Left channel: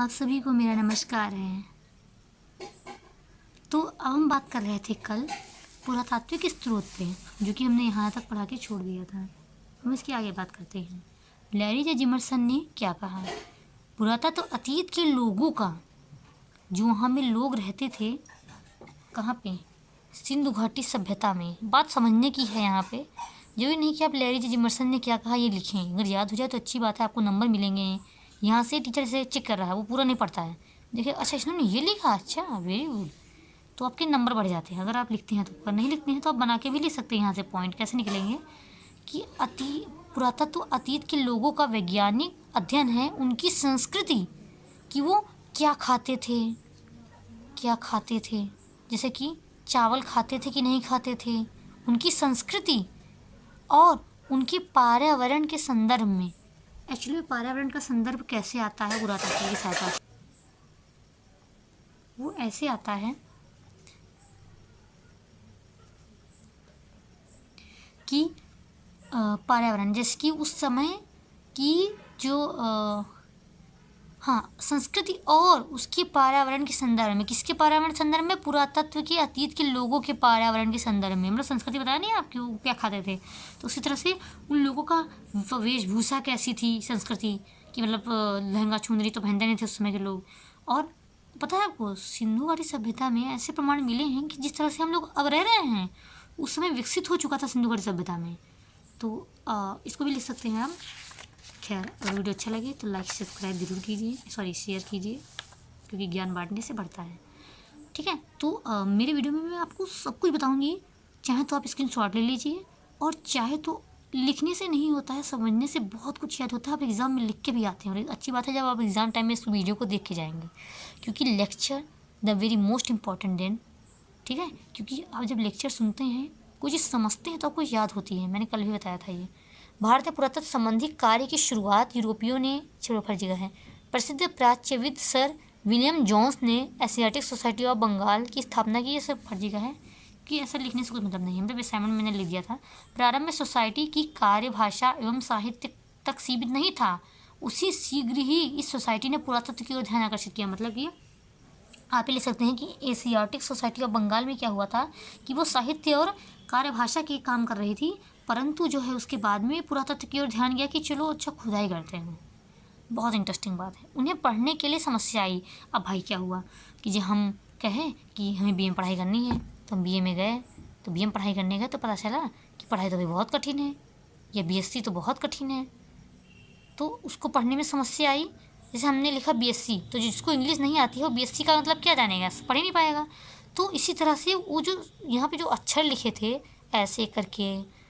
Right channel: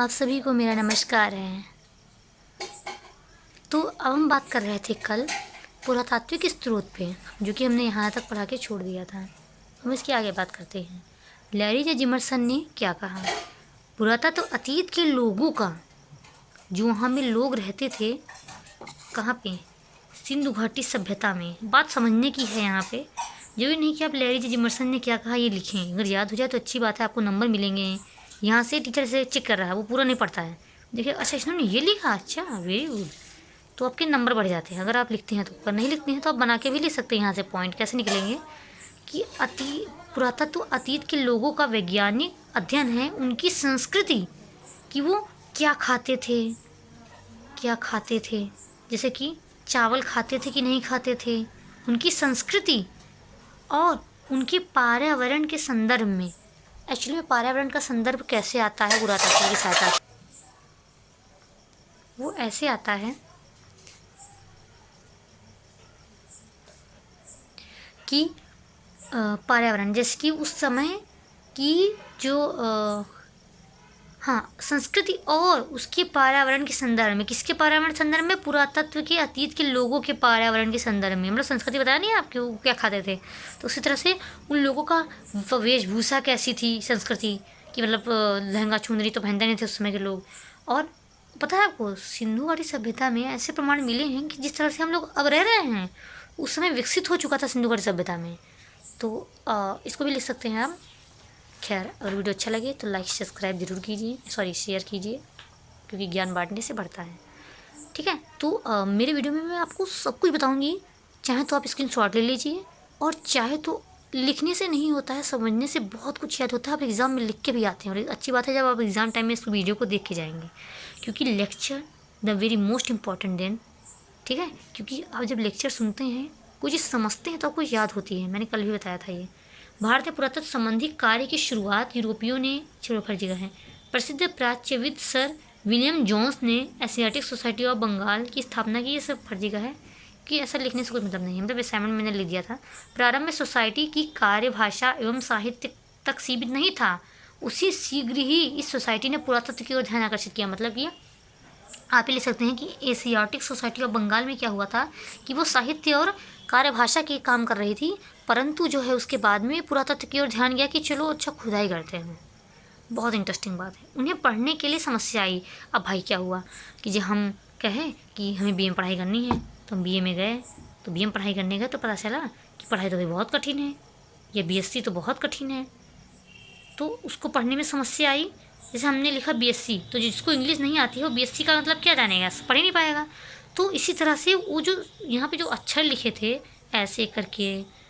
आप सभी को मेरा नमस्कार है। तो अब हम बात कर रहे थे कल पुरातात्विक स्रोत पे, जो कि हमने यहाँ तक पढ़ा के छोड़ दिया था। हम इसके आगे बात करते हैं। लैरी जे जिमर्सन ने क्या कहा? पुरातत्व अतीत के लोगों का, जो वहाँ में लोग रहते थे, कहाँ पे? सिंधु घाटी सभ्यता में। बात समझने की है यहाँ पे। जरूरी नहीं कि आप लैरी जे जिमर्सन ने क्या कहा ये लिखें। अगर याद हो जाए तो अच्छी बात है, आपको नंबर मिलेंगे। यहाँ से टीचर से चेक कर रहा है, वो पूरा नहीं पढ़ता है। देखिए, अच्छा इन्होंने ये लिखा, अच्छा वेरी गुड, तो आपके नंबर बढ़ जाते हैं अगर आप लिखते हैं तो। अगर नहीं लिखते हैं तो आप बना के भी लिख सकते हैं। यहाँ से पॉइंट कैसे निकलेंगे कि पुरातत्व अतीत के लोगों का वैज्ञानिक अध्ययन है, उनकी संस्कृति, कि वो क्या खाते थे, क्या खाते थे, जैसे कि चावल खाते थे कि नहीं खाते थे, उनकी संस्कृति और उनके पर्यावरण के संदर्भ में। एक्चुअली में पर्यावरण का संदर्भ कैसे आता है पुरातत्व की सहायता से? वो ऐसे आता है कि पर्यावरण, जैसे कि उस समय की जो संस्कृति और उसके पर्यावरण के संदर्भ में। किसके पर्यावरण के संदर्भ में? पुरातत्व के अतीत के लोगों के पर्यावरण के संदर्भ में। मतलब संस्कृति बताया नहीं आपके, वो क्या खाते थे, तो उसी तरह से उन लोगों का वेशभूषा कैसी थी, संस्कृति कि मतलब लहंगा चुनरी तो पहनते नहीं थे उस समय के लोग। और पता है आपको, सिंधु घाटी सभ्यता में ऐसे प्रमाण मिले हैं कि जिस तरह से हम लोग अब रह रहे हैं, उस समय विकसित हो चुका था सिंधु घाटी सभ्यता में। तो इसको भी लिख सकते हैं आप। खैर, अगर वीडियो अच्छा लगे तो लाइक सब्सक्राइब जरूर कीजिए, शेयर कीजिए, क्योंकि ज्ञान बांटने से बढ़ता है। ठीक है, तो मेरे वीडियो में मैं आपको सब कुछ बताऊंगी। चाहे तो आप स्क्रीनशॉट ले लीजिए, और चाहे तो लिखने से नहीं होता है, समझने से बहुत कुछ याद होता है। आप एग्ज़ाम में लिख के भी आते हैं, और अच्छी बात है जब आप एग्ज़ाम टाइम में इस वीडियो को देख के जाएंगे, क्योंकि lecture the very most important than. ठीक है, क्योंकि आप जब लेक्चर सुनते हैं, कोई चीज़ समझते हैं तो आपको याद होती है। मैंने कल भी बताया था ये। भारतीय पुरातत्व संबंधी कार्य की शुरुआत यूरोपियों ने, चलो हर जगह है, प्रसिद्ध प्राच्यविद सर विलियम जोन्स ने एशियाटिक सोसाइटी ऑफ बंगाल की स्थापना की। ये सब फर्जी का है कि ऐसा लिखने से कोई मतलब नहीं है, मतलब असाइनमेंट मैंने लिख दिया था। प्रारंभ में सोसाइटी की कार्यभाषा एवं साहित्य तक सीमित नहीं था, उसी शीघ्र ही इस सोसाइटी ने पुरातत्व की ओर ध्यान आकर्षित किया। मतलब ये आप ही लिख सकते हैं कि एशियाटिक सोसाइटी ऑफ बंगाल में क्या हुआ था कि वो साहित्य और कार्यभाषा के काम कर रही थी, परंतु जो है उसके बाद में पुरातत्व की ओर ध्यान गया कि चलो अच्छा खुदाई करते हैं। बहुत इंटरेस्टिंग बात है। उन्हें पढ़ने के लिए समस्या आई। अब भाई क्या हुआ कि जब हम कहें कि हमें बीए में पढ़ाई करनी है, तो हम बीए में गए, तो बीए में पढ़ाई करने गए तो पता चला कि पढ़ाई तो भाई बहुत कठिन है, या बीएससी तो बहुत कठिन है, तो उसको पढ़ने में समस्या आई। जैसे हमने लिखा बीएससी, तो जिसको इंग्लिश नहीं आती है वो बीएससी का मतलब क्या जानेगा, पढ़ ही नहीं पाएगा। तो इसी तरह से वो जो यहाँ पे जो अक्षर लिखे थे, ऐसे करके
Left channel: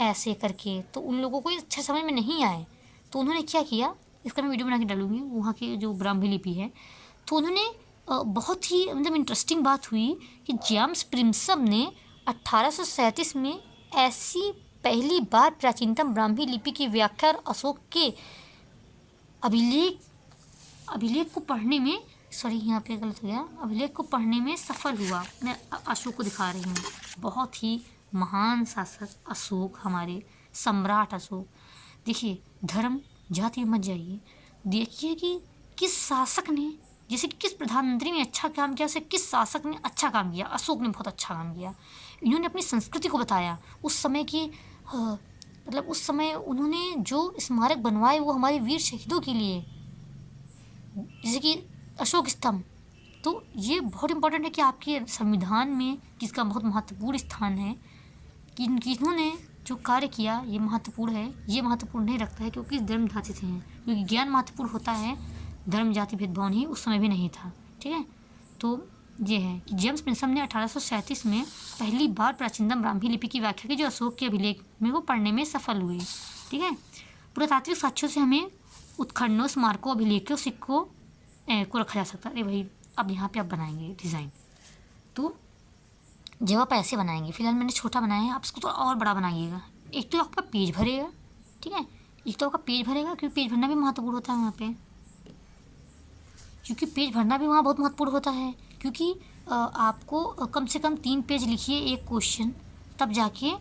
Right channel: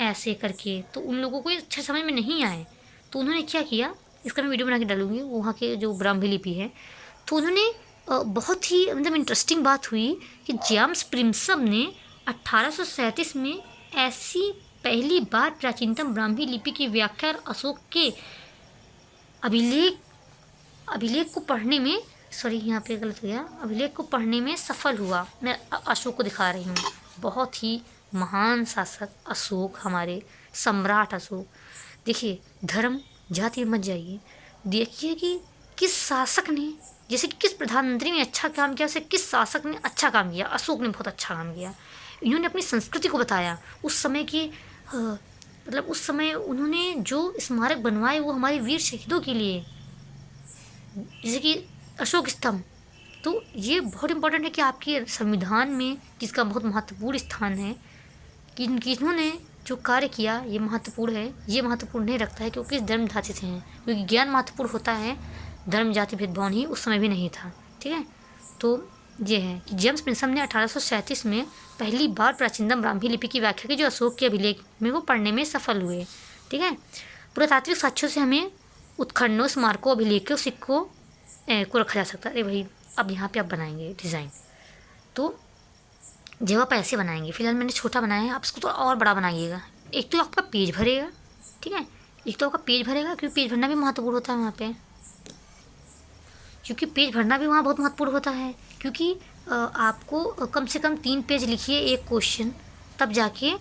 ऐसे करके, तो उन लोगों को अच्छा समझ में नहीं आए। तो उन्होंने क्या किया, इसका मैं वीडियो बना के डालूंगी, वहाँ के जो ब्राह्मी लिपि है। तो उन्होंने बहुत ही मतलब इंटरेस्टिंग बात हुई कि जेम्स प्रिम्सम ने 1837 में ऐसी पहली बार प्राचीनतम ब्राह्मी लिपि की व्याख्या और अशोक के अभिलेख को पढ़ने में, सॉरी यहाँ पे गलत हो गया, अभिलेख को पढ़ने में सफल हुआ। मैं अशोक को दिखा रही हूँ। बहुत ही महान शासक अशोक, हमारे सम्राट अशोक। देखिए, धर्म जाति मत जाइए, देखिए कि किस शासक ने, जैसे कि किस प्रधानमंत्री ने अच्छा काम किया, उसे किस शासक ने अच्छा काम किया। अशोक ने बहुत अच्छा काम किया। इन्होंने अपनी संस्कृति को बताया। उस समय की मतलब उस समय उन्होंने जो स्मारक बनवाए वो हमारे वीर शहीदों के लिए, जैसे कि अशोक स्तंभ। तो ये बहुत इंपॉर्टेंट है कि आपके संविधान में किसका बहुत महत्वपूर्ण स्थान है, कि इन्होंने जो कार्य किया ये महत्वपूर्ण है। ये महत्वपूर्ण नहीं रखता है क्योंकि धर्म जाति से हैं, क्योंकि ज्ञान महत्वपूर्ण होता है, धर्म जाति भेदभाव नहीं उस समय भी नहीं था। ठीक है, तो ये है कि जेम्स प्रिंसम ने 1837 में पहली बार प्राचीनतम ब्राह्मी लिपि की व्याख्या की, जो अशोक के अभिलेख में वो पढ़ने में सफल हुए। ठीक है, पुरातात्विक साक्ष्यों से हमें उत्खननों, स्मारकों, अभिलेखों, सिक्कों को रखा जा सकता है। अरे भाई, अब यहाँ पे आप बनाएंगे डिज़ाइन, तो जब आप ऐसे बनाएंगे, फिलहाल मैंने छोटा बनाया है, आप इसको तो और बड़ा बनाइएगा। एक तो आपका पेज भरेगा, ठीक है, एक तो आपका पेज भरेगा, क्योंकि पेज भरना भी महत्वपूर्ण होता है वहाँ पे, क्योंकि पेज भरना भी वहाँ बहुत महत्वपूर्ण होता है। क्योंकि आपको कम से कम 3 पेज लिखिए एक क्वेश्चन, तब जाके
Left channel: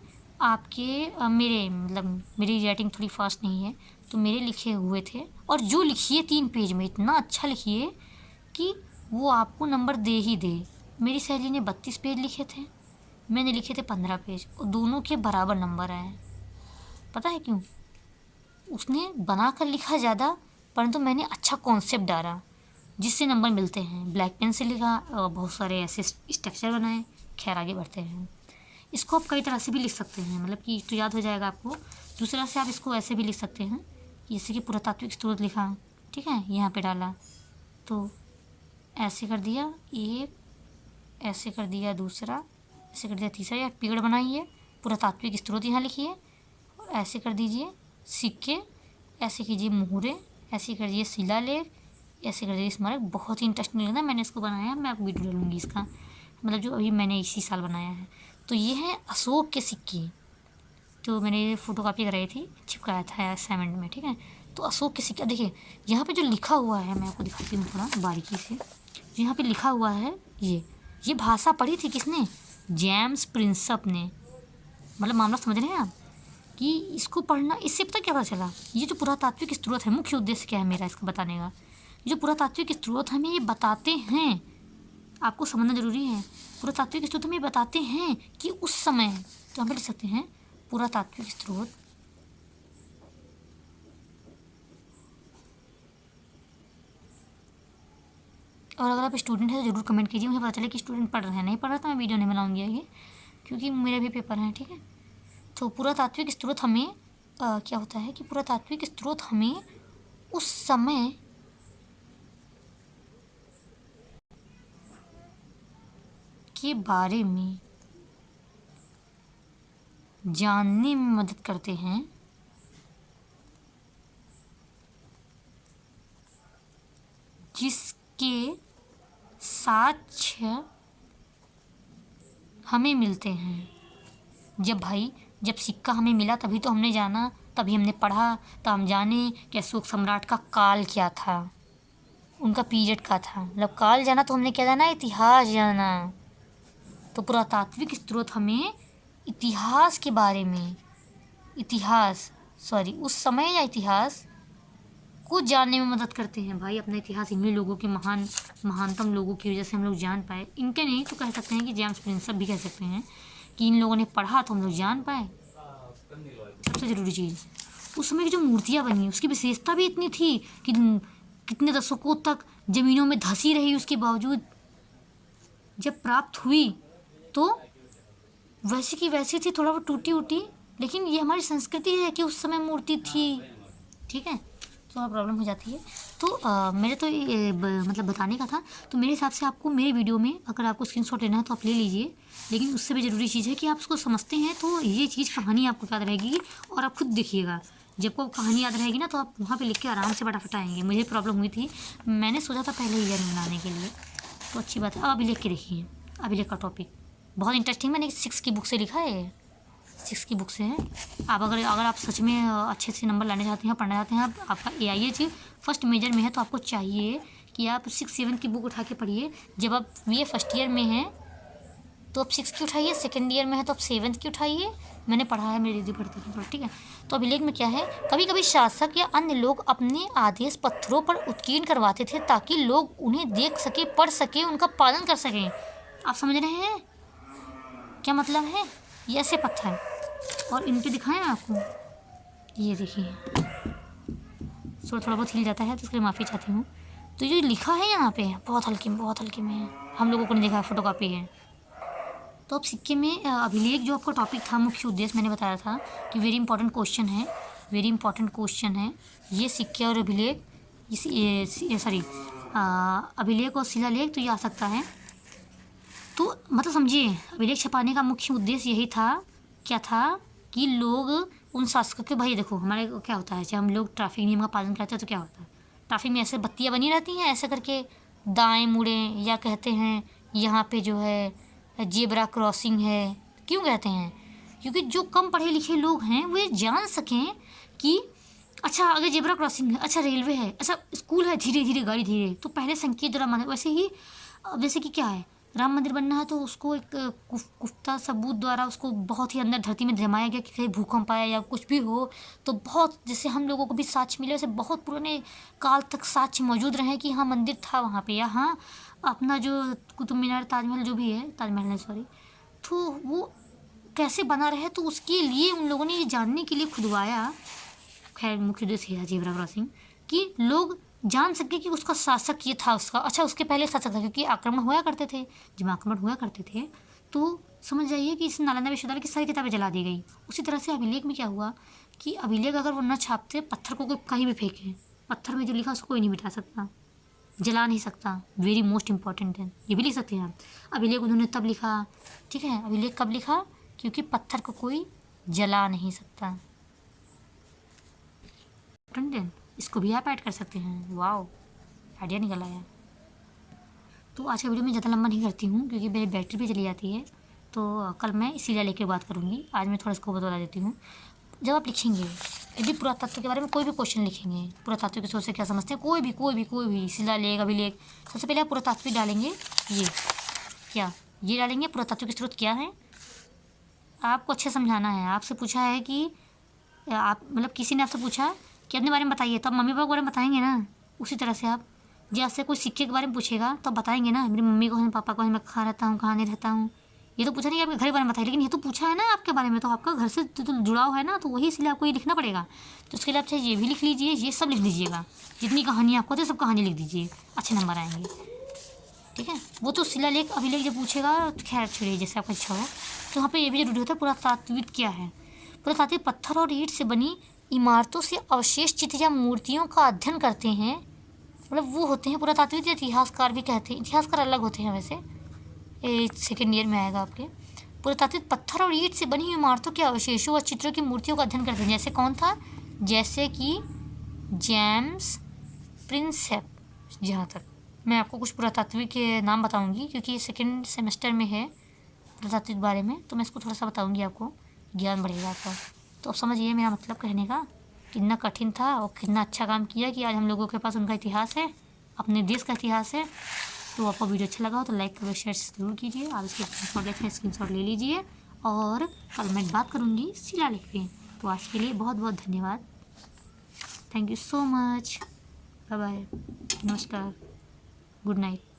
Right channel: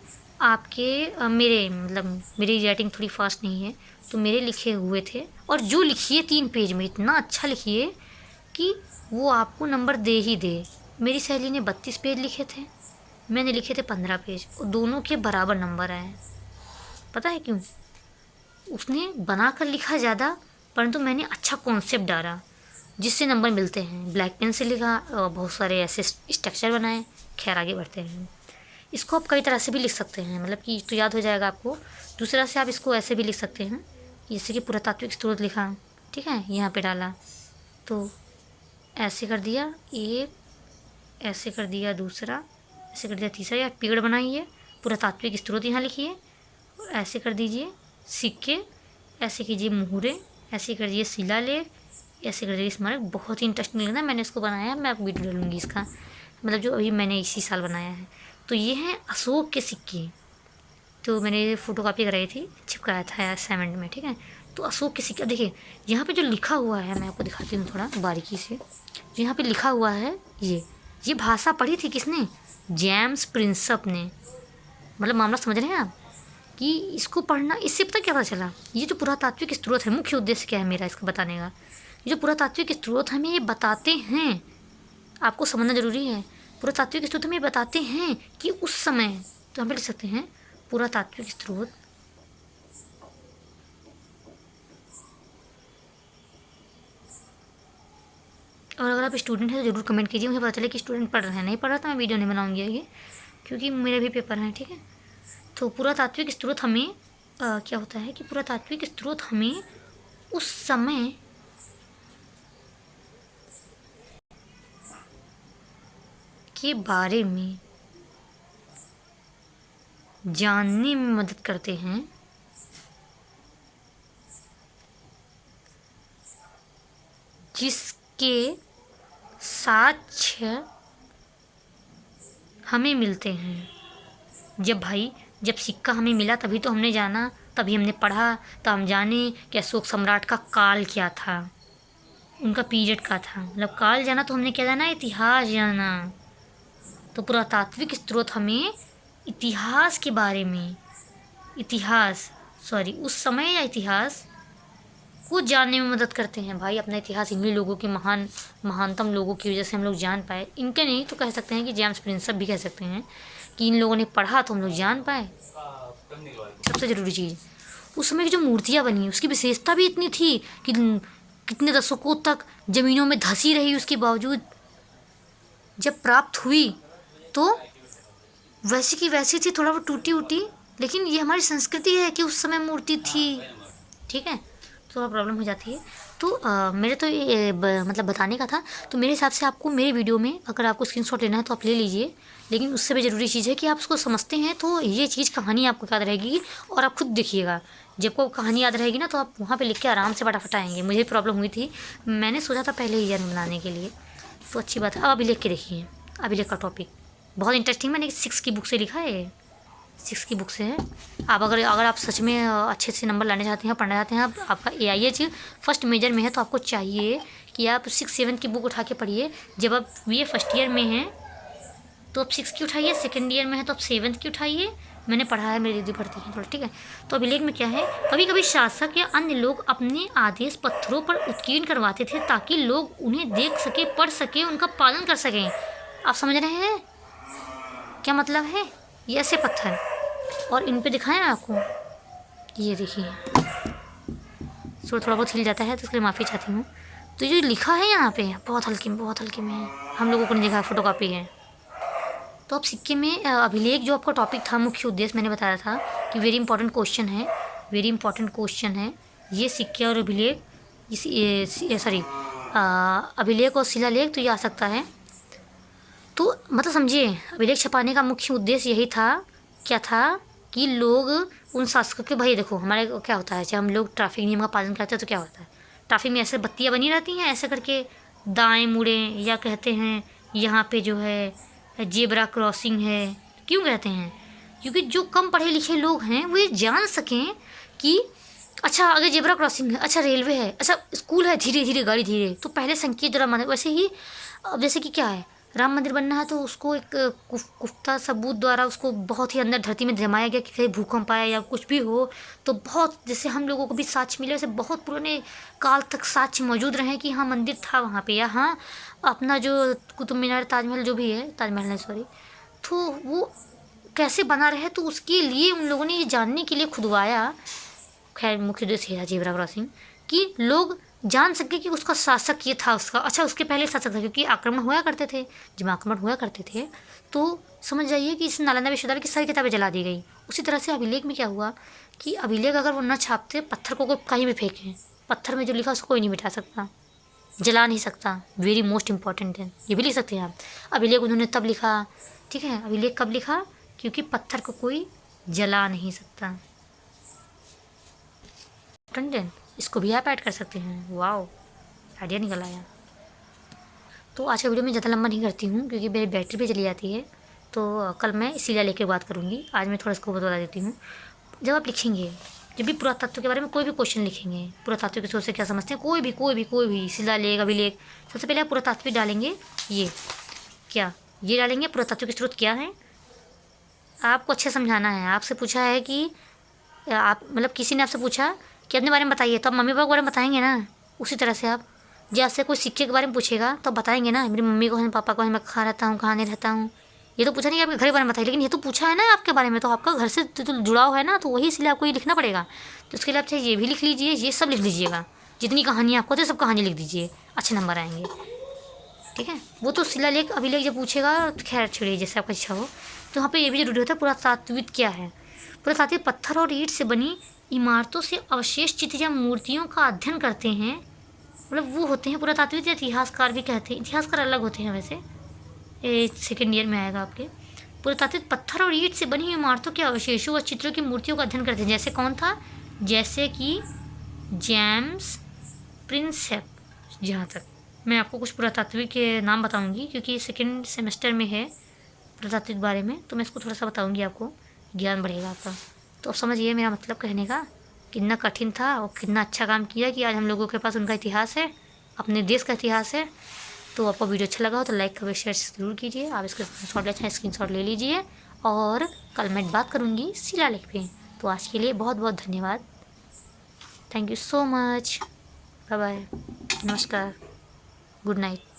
आपके मेरे मतलब मेरी राइटिंग थोड़ी फास्ट नहीं है, तो मेरे लिखे हुए थे और जो लिखिए 3 पेज में इतना अच्छा लिखिए कि वो आपको नंबर दे ही दे। मेरी सहेली ने 32 पेज लिखे थे, मैंने लिखे थे 15 पेज और दोनों के बराबर नंबर आए। पता है क्यों? उसने बना कर लिखा ज़्यादा, परंतु मैंने अच्छा कॉन्सेप्ट डाला जिससे नंबर मिलते हैं। ब्लैक पेन से लिखा और बहुत सारे ऐसे स्ट्रक्चर बनाए। खैर आगे बढ़ते हैं। इसको आप कई तरह से भी लिख सकते हैं, मतलब कि तो याद हो जाएगा आपको। दूसरा से आप इसको ऐसे भी लिख सकते हैं, जैसे कि पुरातात्विक स्रोत लिखा, ठीक है, यहाँ पे डाला तो ऐसे कर दिया एक, ऐसे कर दिया दूसरा, ऐसे कर दिया तीसरा, या पेड़ बनाइए, पुरातात्विक स्रोत यहाँ लिखिए और ऐसे कर दीजिए सिक्के, ऐसे कीजिए मुहरे, ऐसे कर दीजिए शिलालेख, ऐसे कर दीजिए स्मारक। बहुत ही इंटरेस्टिंग लगा, मैंने इसको बनाया, मैं आपको वीडियो डालूंगी इसका, मतलब जो अभी मैंने इसी साल बनाया है। तो ये हैं अशोक के सिक्के, तो मैंने फ़ोटोकॉपी कराई थी, चिपकाया था असाइनमेंट में, ठीक है। तो अशोक के सिक्के, देखिए यहाँ पे जो लिखा हुआ है मैं आपको दिखाती हूँ थोड़ा बारीकी से। यहाँ पे लिखा हुआ है ये भाषा पढ़ी थी किसने? जेम्स प्रिंसप ने। मतलब मामला समझ रहे हैं आप कि इसको पढ़ना, इससे पता क्या पता चला, ये जो पुरातात्विक स्रोत है, मुख्य उद्देश्य क्या है मेरा इसका बताने का, ये जो पुरातात्विक स्रोत हमें ये बताते हैं, आपको समझना जरूरी है। पुरातात्विक स्रोत हमें बताते हैं कि उस समय, तो हम लिख सकते हैं पुरातात्विक स्रोत और अगर आप स्टूडेंट हैं तो ज़रूर कमेंट कीजिए, मुझे पता चले कि स्टूडेंट पढ़ रहे हैं। नहीं पढ़ रहा तो मैं वीडियो नहीं बनाऊंगी आगे, क्योंकि मेरे भी पेपर हैं, ठीक है। तो पुरातात्विक स्रोत हमें क्या होता है कि पुरातात्विक स्रोत हमें उस समय के बारे में जानने में मदद करते हैं जिसके साक्ष्य हमें मिलते हैं। जब सिक्का हमें मिला तभी तो हमने जाना, तभी हमने पढ़ा, तो हम जाने कि अशोक सम्राट का काल क्या था, उनका पीरियड का था। मतलब काल जाना तो हमने क्या जाना? इतिहास जाना। तो पुरातात्विक स्रोत हमें इतिहास के बारे में, उस समय या इतिहास को जानने में मदद करते हैं। भाई अपना इतिहास इन्हीं लोगों के महानतम लोगों की वजह से हम लोग जान पाए। इनके नहीं तो कह सकते हैं कि जेम्स प्रिंसप भी कह सकते हैं कि इन लोगों ने पढ़ा तो हम लोग जान पाए। सबसे ज़रूरी चीज़, उस समय की जो मूर्तियाँ बनी उसकी विशेषता भी इतनी थी कि कितने दशकों तक ज़मीनों में धंसी रही, उसके बावजूद जब प्राप्त हुई तो वैसी की वैसी थी, थोड़ा वो टूटी उटी, लेकिन ये हमारी संस्कृति है कि उस समय मूर्ति थी, ठीक है। थोड़ा प्रॉब्लम हो जाती है। तो मेरे तो ये मतलब बताने का था। तो मेरे हिसाब से आपको मेरे वीडियो में अगर आपको स्क्रीनशॉट लेना है तो आप ले लीजिए, लेकिन उससे भी ज़रूरी चीज़ है कि आप उसको समझते हैं तो ये चीज़ कहानी आपको याद रहेगी। और आप खुद देखिएगा, जब को कहानी याद रहेगी ना तो आप वहाँ पे लिख के आराम से फटाफट आएंगे। मुझे प्रॉब्लम हुई थी, मैंने सोचा था पहले ईयर बनाने के लिए, तो अच्छी बात है। अब अभी लिख के देखिए, अभिलेख का टॉपिक बहुत इंटरेस्टिंग, मैंने 6 की बुक से लिखा है, 6 की बुक से है। आप अगर आप सच में अच्छे से नंबर लाने चाहते हैं, पढ़ना चाहते हैं, आपका AIH फर्स्ट मेजर में है, तो आपको चाहिए कि आप 6-7 की बुक उठा के पढ़िए। जब आप ये फर्स्ट ईयर में हैं तो आप 6 की उठाइए, सेकेंड ईयर में है तो आप 7 की उठाइए। मैंने पढ़ा है, मेरी दीदी पढ़ती है, ठीक है। तो अभिलेख में क्या है, कभी कभी शासक या अन्य लोग अपने आदेश पत्रों पर उत्कीर्ण करवाते थे ताकि लोग उन्हें देख सके, पढ़ सके, उनका पालन कर सकें। आप समझ रहे हैं क्या मतलब है? ये ऐसे पत्थर, और इन पे दिखाएं आपको, ये देखिए थोड़ा बहुत हिल जाता है तो इसके लिए माफ़ी चाहती हूँ। तो जो लिखा है यहाँ पे बहुत हल्के में है, हम लोगों को नहीं देखा, फोटोकॉपी है। तो अब सिक्के में अभिलेख जो आपका टॉपिक था, मुख्य उद्देश्य मैंने बताया था कि वेरी इंपॉर्टेंट क्वेश्चन है ये सिक्के और अभिलेख, अभिलेख और शिलालेख, तो ये आ सकता है। तो मतलब समझिए, अभिलेख छपाने का मुख्य उद्देश्य यही था, क्या था कि लोग उन शासकों के, भाई देखो हमारे क्या होता है, जब हम लोग ट्रैफिक नियम का पालन करते हैं तो क्या होता है, ट्रैफिक में ऐसे बत्तियाँ बनी रहती हैं ऐसे करके दाएं मुड़े, या कहते हैं यहाँ पे जो है जेब्रा क्रॉसिंग है। क्यों कहते हैं? क्योंकि जो कम पढ़े लिखे लोग हैं वो ये जान सकें कि अच्छा आगे जेब्रा क्रॉसिंग है, अच्छा रेलवे है, अच्छा स्कूल है, धीरे धीरे गाड़ी धीरे, तो पहले संकेत जरा माने। वैसे ही अब जैसे कि क्या है, राम मंदिर बनना है तो उसको एक पुख्ता सबूत द्वारा उसको बहुत ही अंदर धरती में जमाया गया कि कहीं भूकंप आया या कुछ भी हो तो बहुत, जैसे हम लोगों को भी साक्ष्य मिले, वैसे बहुत पुराने काल तक साक्ष्य मौजूद रहे कि हाँ मंदिर था वहाँ पे, या हाँ अपना जो कुतुब मीनार, ताजमहल जो भी है, ताजमहल नहीं सॉरी, तो वो कैसे बना रहे, तो उसके लिए उन लोगों ने ये जानने के लिए खुदवाया। खैर मुख्य उद्देश्य है जेब्रा क्रॉसिंग कि लोग जान सके कि उसका शासक ये था उसका, अच्छा उसके पहले शासक था, क्योंकि आक्रमण हुआ करते थे, जब आक्रमण हुआ करते थे तो समझ जाइए कि इस नालंदा विश्वविद्यालय की सारी किताबें जला दी गई। उसी तरह से अभिलेख में क्या हुआ कि अभिलेख अगर वो न छापते, पत्थर को कोई कहीं भी फेंकें, पत्थर में जो लिखा उसको कोई नहीं मिटा सकता, जला नहीं सकता, वेरी मोस्ट इंपॉर्टेंट है, ये भी लिख सकते हैं आप। अभिलेख उन्होंने तब लिखा, ठीक है, अभिलेख कब लिखा, क्योंकि पत्थर को कोई जला नहीं सकता। कंटेंट इसको भी आप ऐड कर सकते हैं। वाओ, आइडिया निकल आया। तो आज का वीडियो मैं ज़्यादा लंबा नहीं करती हूँ क्योंकि मेरी बैटरी भी चली जाती है, तो कल मैं शिला लेके बात करूँगी। आज मैं थोड़ा इसको बता देती हूँ। जब आप लिखेंगे, जब भी पुरातत्व के बारे में कोई भी क्वेश्चन लिखेंगे, पुरातत्व की सोच से क्या समझते हैं, कोई भी शिलालेख, अभिलेख, सबसे पहले आप पुरातत्व डालेंगे, ये क्या, ये डालेंगे पुरातत्व के स्रोत क्या है। आपको अच्छे समझाना है। आपसे पूछा है कि आप मतलब किसी ने आपसे पूछा कि अपने बारे में बताइए, तो आप मम्मी पापा के बारे में बताएंगे ना। उसी तरह से आप, जब आपसे कोई सिक्के के बारे में पूछेगा तो बताएंगे ना, मेरी मम्मी को है, पापा को है, मैं कहाँ रहता हूँ, कहाँ नहीं रहता हूँ। ये तो पूछा नहीं कि आपके घर के बारे में बताइए, लेकिन ये तो पूछा है ना आपके बारे में, तो आपका घर से तो जुड़ाव है ना, तो वही इसलिए आपको ये लिखना पड़ेगा। तो उसके लिए आप चाहे ये भी लिख लीजिए, ये सब लिख लीजिएगा, जितनी कहानी आपको आती है सब कहानी लिख दीजिए, अच्छे नंबर आएंगे। ठीक है, वो तो शिलालेख अभिलेख जब पूछेगा तो खैर छोड़िए, जैसे आपका इच्छा हो। तो यहाँ पे ये भी जरूरी होता है, पुरातात्विक क्या है। पुरातात्विक पत्थर और ईंट से बनी इमारतों से अवशेष चित्र या मूर्तियों का अध्ययन करते हैं, मतलब वो होते हैं पुरातात्विक, या इतिहासकार भी कहते हैं। इतिहासकार अलग होते हैं वैसे, ये सेकेंड ईयर में आएगा आपके। पुरातात्विक पत्थर और ईंट से बनी इमारतों के अवशेषों और चित्रों की मूर्तियों का अध्ययन करते हैं। जैसे कौन था, जैसे कि जेम्स प्रिंसेप। जहाँ तक मैं आपको कुछ पुरातात्विक के नाम बताऊंगी, क्योंकि सेकेंड सेमेस्टर में है पुरातात्विक बारे में, तो मैं इसको थोड़ा सा बताऊंगी, आपको ज्ञान बढ़ेगा आपका। तो अब समझिए मेरा मतलब कहने का, कितना कठिन था और कितना अच्छा काम किया कि आज हम लोगों के पास उनका इतिहास है, अपने देश का इतिहास है। तो आपको वीडियो अच्छा लगा हो तो लाइक करें, शेयर ज़रूर कीजिए। आप इसके स्क्रीनशॉट ले लीजिए, और कल मैं बात करूँगी शिलालेख पे। तो आज के लिए बहुत बहुत धन्यवाद। Thank you so much. Bye bye, नमस्कार, गुड नाइट।